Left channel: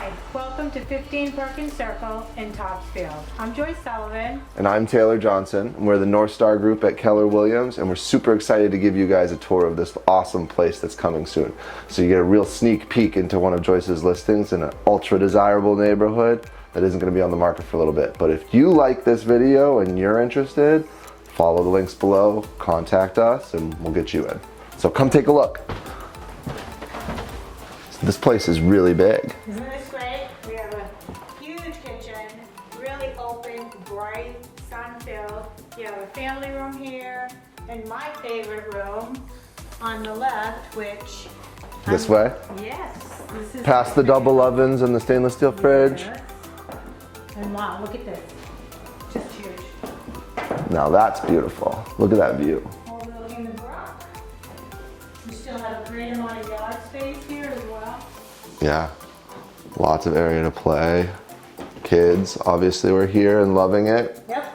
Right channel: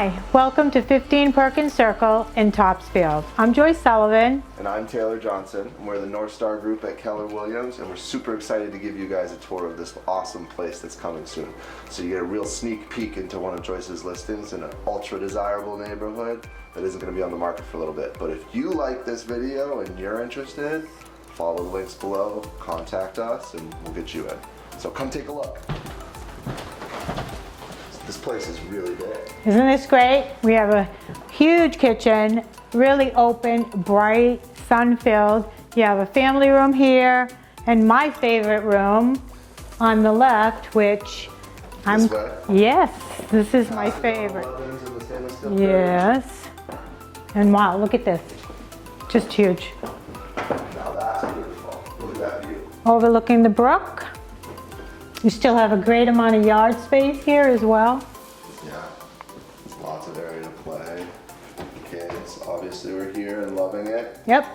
Hi, welcome to 15 Perkins Circle in Topsfield. I'm Joyce Sullivan. And I'm Taylor Johnson. We're the Northstar group at Keller Williams, and we're super excited to give you guys a tour of this awesome place that's coming soon. So you get a real sneak peek into one of Joyce's listings in an ultra desirable neighborhood that isn't going to be on the market for a little bit. But if you like this video and you're interested, follow the links below, contact us, and we'll get you in. So come take a look. This place is really big. Isn't this great? We have a huge kitchen, really open, bright, sun-filled. You have a family room here, and my favorite room on the left, which This way? Yes, this is Past my the double favorite. ovens and the stainless steel fridge. Yes. And wow, look at this. Just huge. Now that's beautiful. Look at that view. Overlooking the brook. You still have a great amount of yard space here as well. Yeah, lots of area to play. Kids, obviously, we're here and loving it. Yep.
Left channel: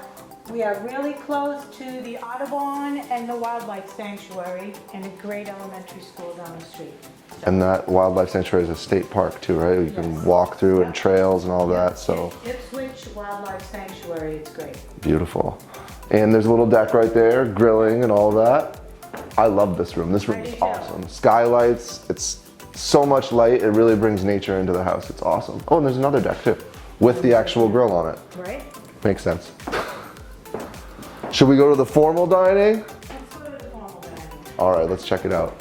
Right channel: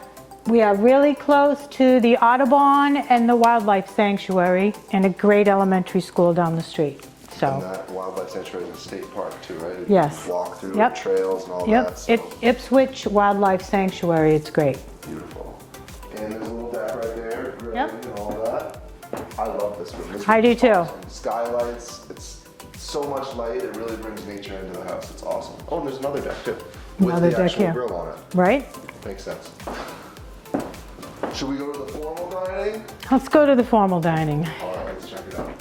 We are really close to the Audubon and the Wildlife Sanctuary and a great elementary school down the street. So. And that wildlife sanctuary is a state park too, right? You Yes. can walk through and trails and all that. So Ipswich Wildlife Sanctuary, it's great. beautiful. And there's a little deck right there, grilling and all that. I love this room. This room I do is too. awesome. Skylights, it's so much light, it really brings nature into the house. It's awesome. Oh, and there's another deck too, with Another the deck actual here. grill on it. Right? Makes sense. Should we go to the formal dining? Let's go to the formal dining. All right, let's check it out.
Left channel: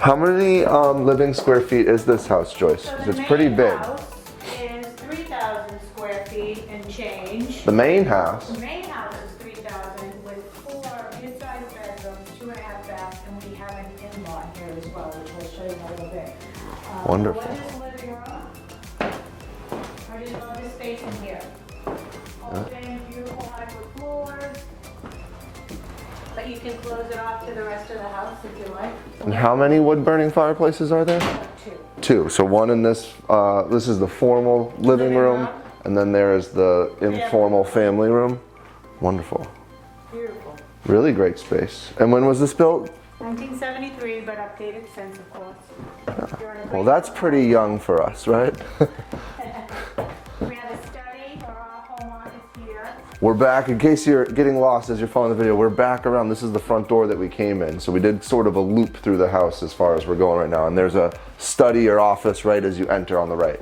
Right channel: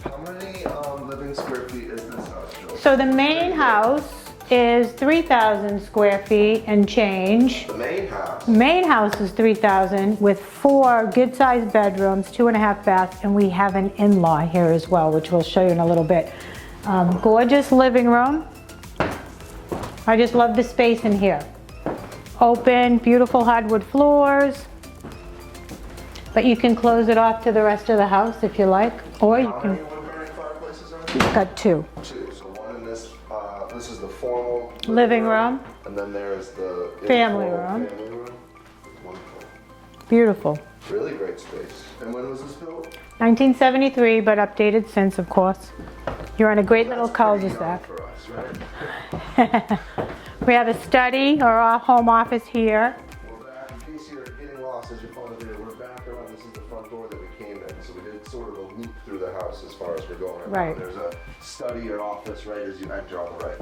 How many living square feet is this house, Joyce? So the It's pretty main big. house is 3,000 square feet and change. The main house? Main house is 3,000 with 4 good-sized bedrooms, 2.5 baths, and we have an in-law here as well, which we'll show you in a little bit. Gorgeous living room. I just love the space in here. Open, beautiful hardwood floors. But you can close it off to the rest of the house if you like. Or How many wood-burning fireplaces are there? got 2. 2. So one in this, this is the formal living room, and then there is the informal family room. Wonderful. Beautiful. Really great space. And when was this built? 1973, but updated since, of course. You're on a great Well, little that's pretty young cul-de-sac. for us, right? We have a study or our home office here. We're back, in case you're getting lost as you're following the video, we're back around, this is the front door that we came in. So we did sort of a loop through the house as far as we're going right now. Right. And there's a study or office right as you enter on the right.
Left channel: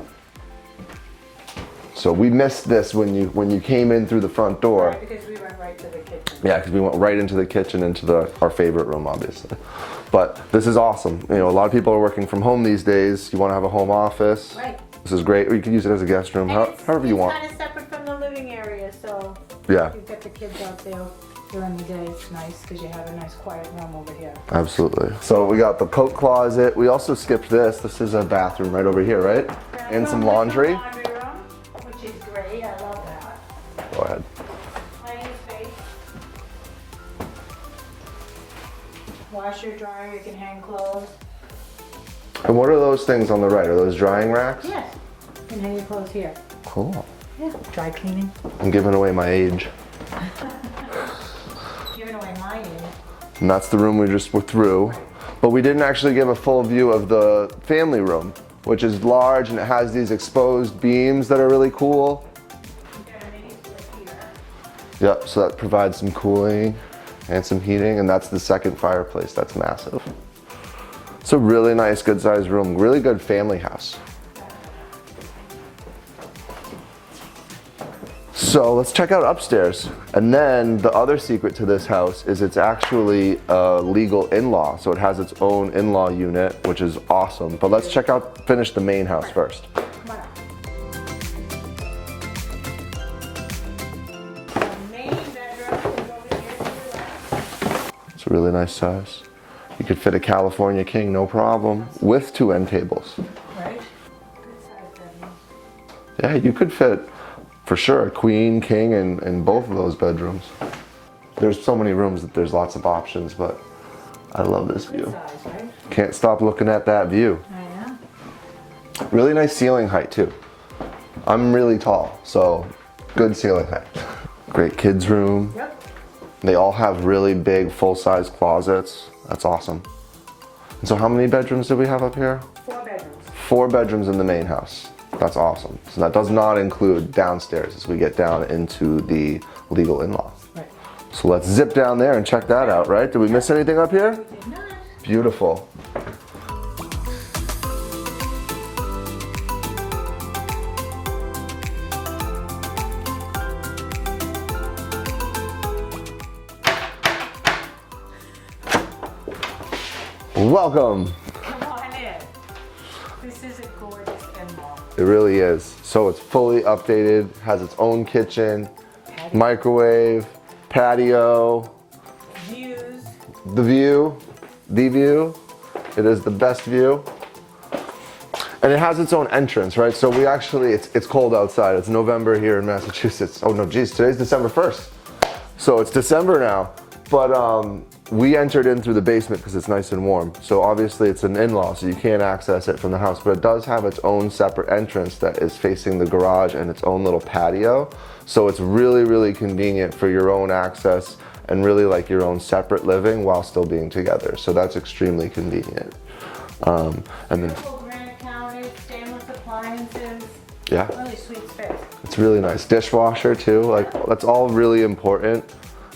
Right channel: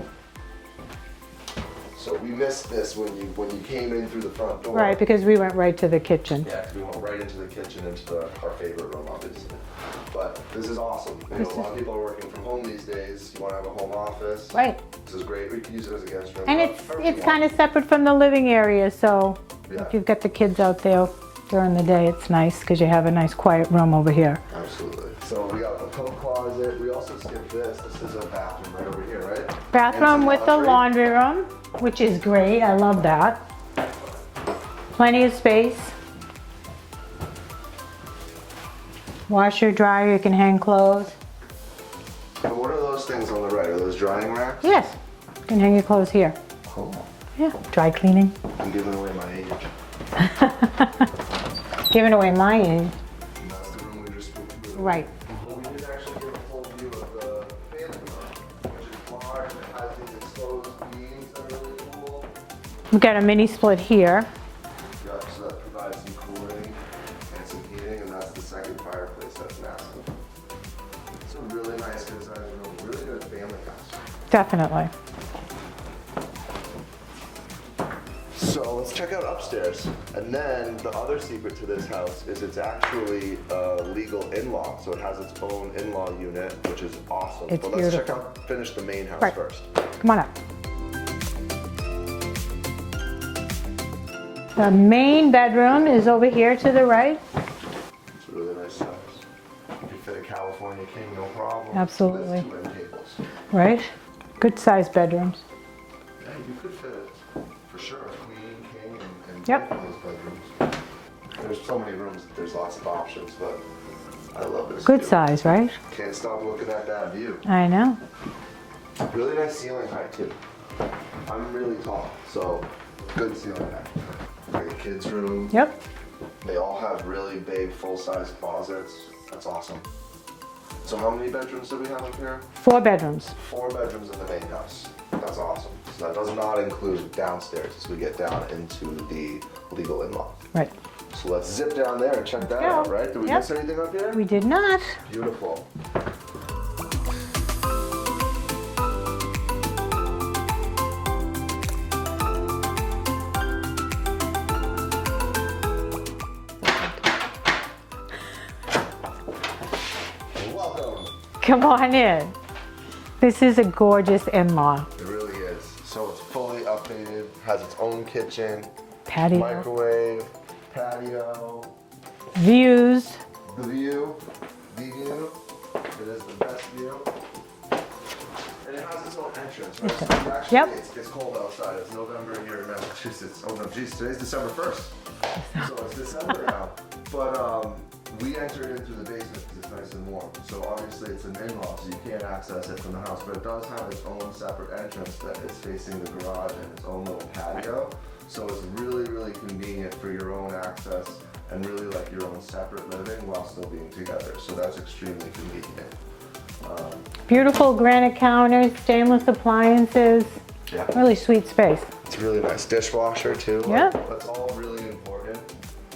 So we missed this when you came in through the front door. Right, because we went right to the kitchen. Yeah, because we went right into the kitchen, into our favorite room, obviously. But this is awesome. You know, a lot of people are working from home these days. You want to have a home office. Right. This is great. Or you can use it as a guest room, And however you it's want. kind of separate from the living area, so Yeah. if you've got the kids out there during the day, it's nice because you have a nice quiet room over here. Absolutely. So we got the coat closet. We also skipped this. This is a bathroom right over here, right? And Bathroom some with laundry. the laundry room, which is great. I love that. Go ahead. Plenty of space. Washer, dryer, you can hang clothes. And what are those things on the right? Are those drying racks? Yes, you can hang your clothes here. Cool. Yeah, dry cleaning. I'm giving away my age. Giving away my end. And that's the room we just were through. Right. But we didn't actually give a full view of the family room, which is large and it has these exposed beams that are really cool. We've got a mini split here. Yep, so that provides some cooling and some heating, and that's the second fireplace. That's massive. It's a really nice, good sized room. Really good family house. Definitely. So let's check out upstairs. And then the other secret to this house is it's actually a legal in-law. So it has its own in-law unit, which is awesome. It's But let's finish the main house Right. first. Come on up. The main bedroom is over here to the right. It's a really nice size. You could fit a California king, no problem. Absolutely. With 2 end tables. Right? Good sized bedrooms. Yeah, you could fit, for sure, a queen, king, in both Yep. of those bedrooms. There's so many rooms that there's lots of options, but I love this Good view. size, right? Can't stop looking at that view. I know. Really nice ceiling height too. I'm really tall, so good ceiling height. Great kids room. Yep. They all have really big full-size closets. That's awesome. So how many bedrooms do we have up here? 4 bedrooms. 4 bedrooms in the main house. That's awesome. So that does not include downstairs as we get down into the legal in-law. Right. So let's zip down there and check that out, right? Did we miss anything up here? We did not. Beautiful. Welcome. Come on in. This is a gorgeous in-law. It really is. So it's fully updated, has its own kitchen, Patio. microwave, patio, Views. the view. It is the best view. And it has its own entrance, right? So we actually, it's cold outside. It's November here in Massachusetts. Oh no, geez, today's December 1st. So it's December now. But we entered in through the basement because it's nice and warm. So obviously it's an in-law, so you can't access it from the house, but it does have its own separate entrance that is facing the garage and its own little patio. So it's really, really convenient for your own access and really like your own separate living while still being together. So that's extremely convenient. Beautiful granite counters, stainless appliances. Yeah. Really sweet space. It's really nice. Dishwasher too. Like, that's all really important.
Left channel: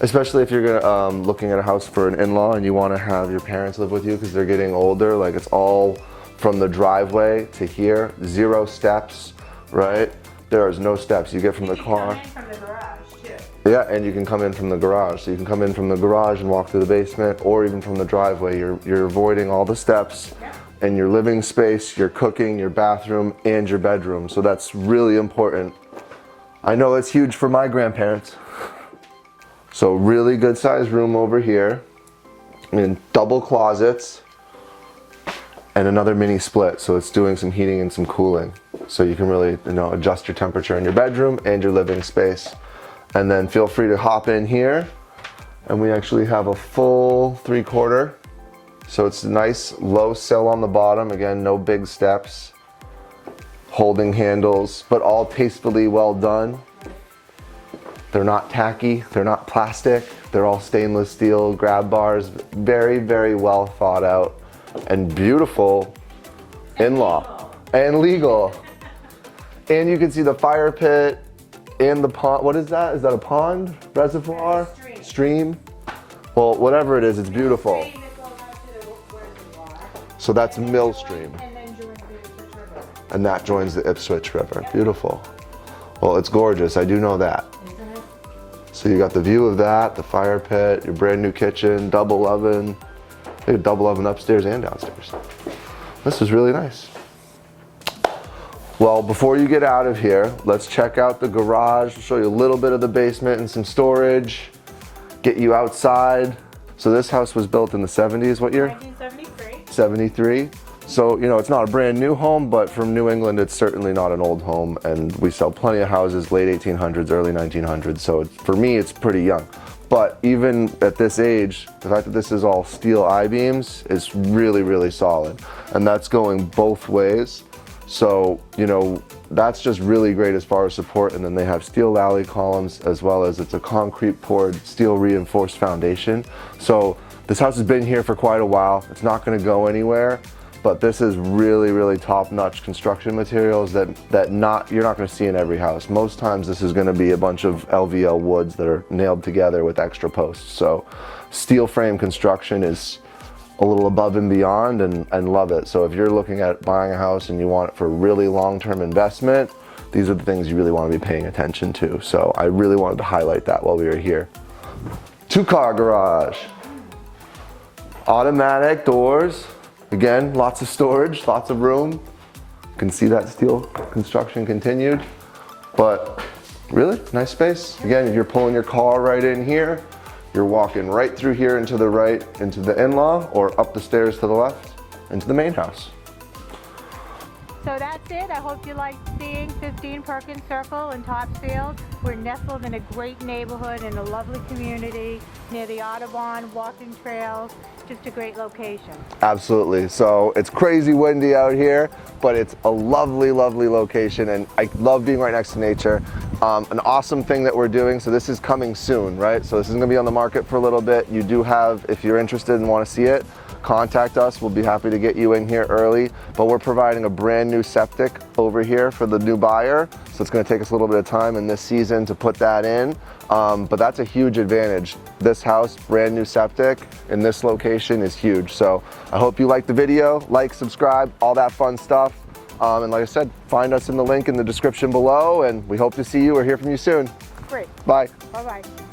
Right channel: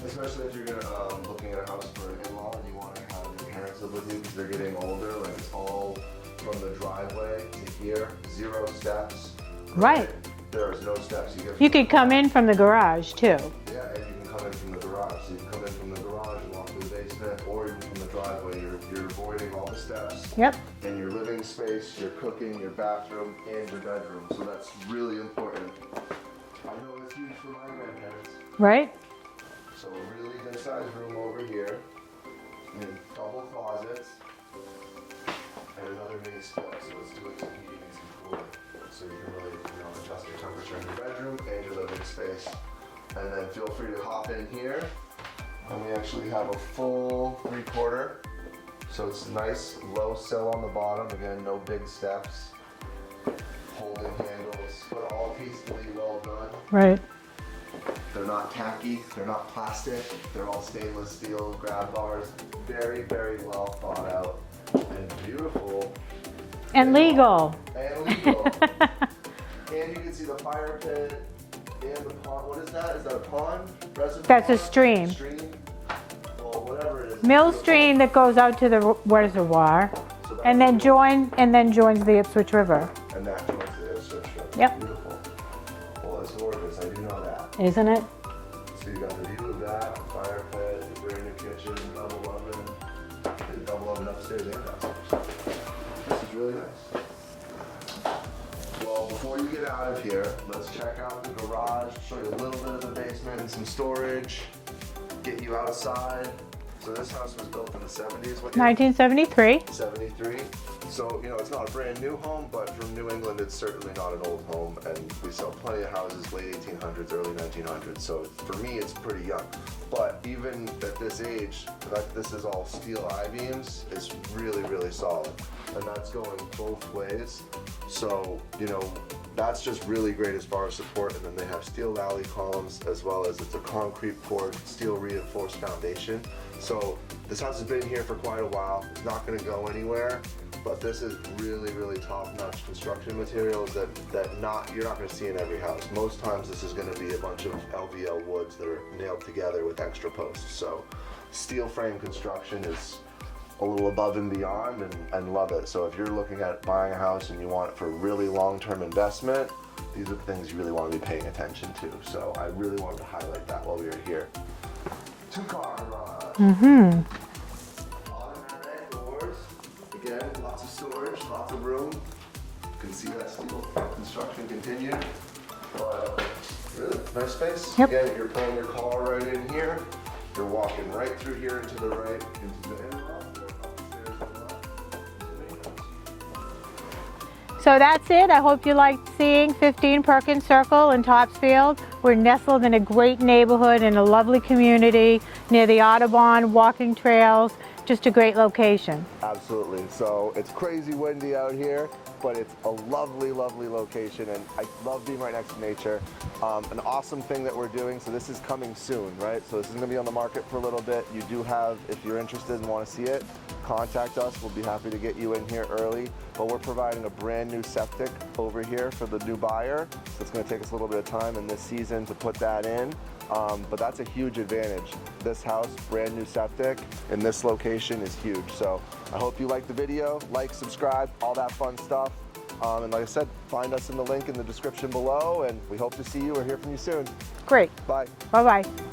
Especially if you're gonna, looking at a house for an in-law and you want to have your parents live with you because they're getting older. Like it's all from the driveway to here, 0 steps, right? There is no steps. You get from the car. You can come in from the garage too. Yeah, and you can come in from the garage. So you can come in from the garage and walk through the basement, or even from the driveway. You're avoiding all the steps. Yep. And your living space, your cooking, your bathroom, and your bedroom. So that's really important. I know it's huge for my grandparents. Right. So really good sized room over here, and double closets, and another mini split. So it's doing some heating and some cooling. So you can really, adjust your temperature in your bedroom and your living space. And then feel free to hop in here. And we actually have a full 3/4. So it's a nice low sill on the bottom. Again, no big steps, holding handles, but all tastefully well done. Right. They're not tacky, they're not plastic, they're all stainless steel grab bars. Very, very well thought out and beautiful. And in-law. And legal. And you can see the fire pit and the pond. What is that? Is that a pond? Reservoir? That's a stream. Stream? Well, whatever it is, it's Mill beautiful. stream that goes out to the reservoir. So that's and then mill stream. And then joins the Ipswich River. And that joins the Ipswich River. Yep. Beautiful. Well, it's gorgeous, I do know that. Isn't it? So you got the view of that, the fire pit, your brand new kitchen, double oven. They have a double oven upstairs and downstairs. This is really nice. Well, before you get out of here, let's check out the garage, show you a little bit of the basement and some storage, get you outside. So this house was built in the 70s, what year? 1973. 73. So, it's not a brand new home, but from New England, it's certainly not an old home. And we sell plenty of houses, late 1800s, early 1900s. So for me, it's pretty young. But even at this age, the fact that this is all steel I-beams is really, really solid. And that's going both ways. So, that's just really great as far as support. And then they have steel alley columns, as well as it's a concrete poured, steel reinforced foundation. So this house has been here for quite a while. It's not gonna go anywhere. But this is really, really top-notch construction materials that you're not going to see in every house. Most times this is going to be a bunch of LVL woods that are nailed together with extra posts. So steel frame construction is a little above and beyond, and love it. So if you're looking at buying a house and you want it for really long-term investment, these are the things you really want to be paying attention to. So I really wanted to highlight that while we were here. 2-car garage. Automatic doors. Again, lots of storage, lots of room. You can see that steel construction continued, but really nice space. Yep. Again, you're pulling your car right in here. You're walking right through here into the right, into the in-law, or up the stairs to the left, into the main house. So that's it. I hope you liked seeing 15 Perkins Circle in Topsfield. We're nestled in a great neighborhood in a lovely community near the Audubon, walking trails, just a great location. Absolutely. So it's crazy windy out here, but it's a lovely, lovely location, and I love being right next to nature. An awesome thing that we're doing, so this is coming soon, right? So this is gonna be on the market for a little bit. You do have, if you're interested and wanna see it, contact us. We'll be happy to get you in here early. But we're providing a brand new septic over here for the new buyer. So it's going to take us a little bit of time in this season to put that in. But that's a huge advantage. This house, brand new septic, in this location is huge. So I hope you like the video, like, subscribe, all that fun stuff. And like I said, find us in the link in the description below, and we hope to see you or hear from you soon. Great. Bye. Bye-bye.